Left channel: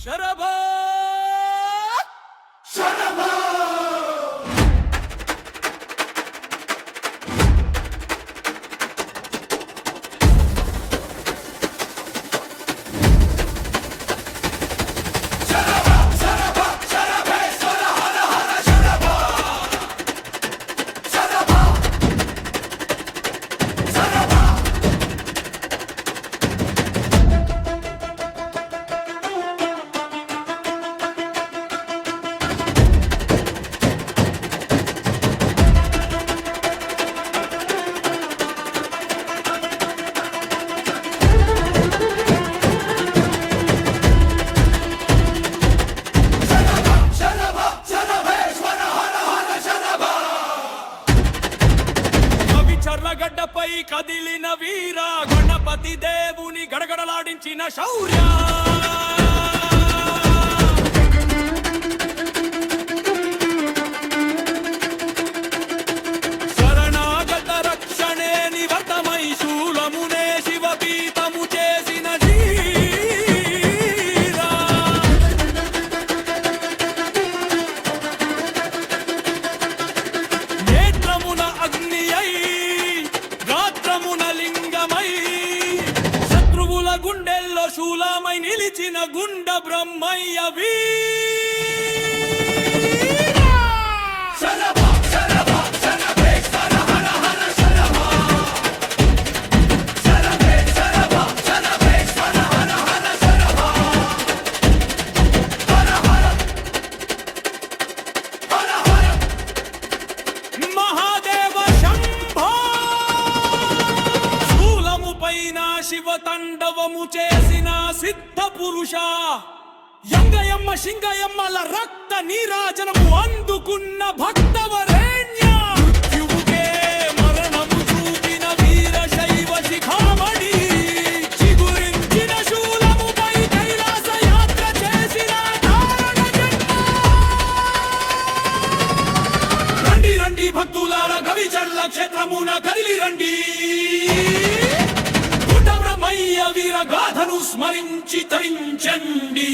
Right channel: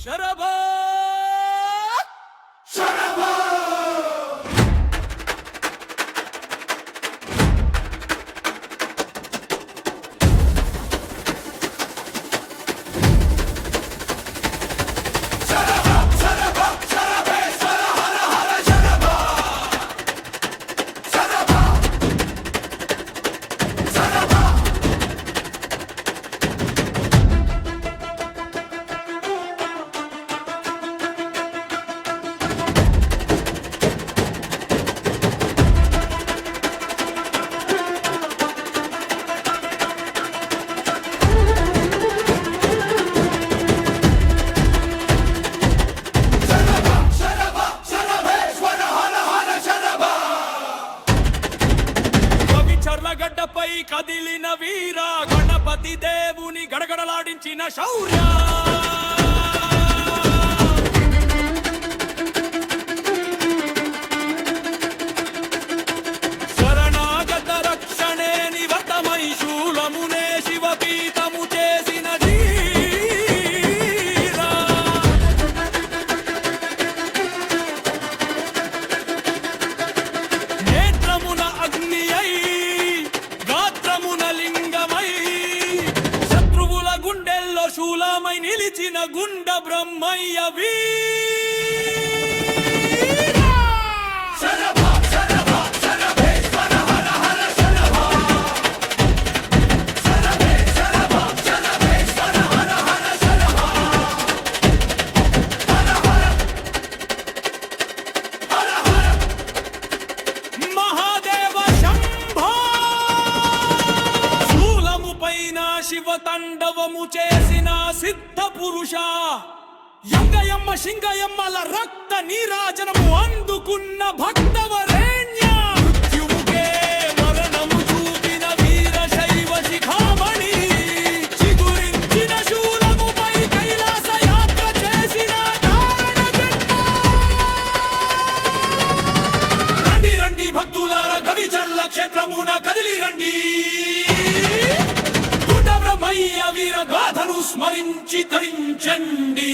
శరభా శరభా చర్లగడ్డపై కదిలిన వీర గణపతి దేవుని గడగడలాడించిన శౌర్య శరణాగత రక్షణే నివతమై శూలమునే శివపీతము చేసిన జీరా నేత్రమున అగ్ని అయి గాత్రమున లింగమై శత్రువుల గుండెల్లో శూలమై నిలిచిన గుండ బ్రహ్మయ్య వీరా శరభా శరభా శరభేశ్వర హర హర శరభా శరభే శరభా శరభేశ్వర హర హర శరభా హర హర హర హర మహాదేవ శంభో పైన శివ తాండవము చేసిన సిద్ధ పురుష యంగయమ్మ సింగయమ్మల రక్త నీరాజనము అందుకున్న భక్తవరేణ్య మృత్యువుకే మరణము చూపిన వీర శైవ శిఖామణి చిగురించిన శూలముపై కైలాస యాత్ర చేసిన కారణ జన్మ రండి రండి భక్తులార గవిచర్ల క్షేత్రమున కదిలి రండి బ్రహ్మయ్య వీర గాథను స్మరించి తరించండి.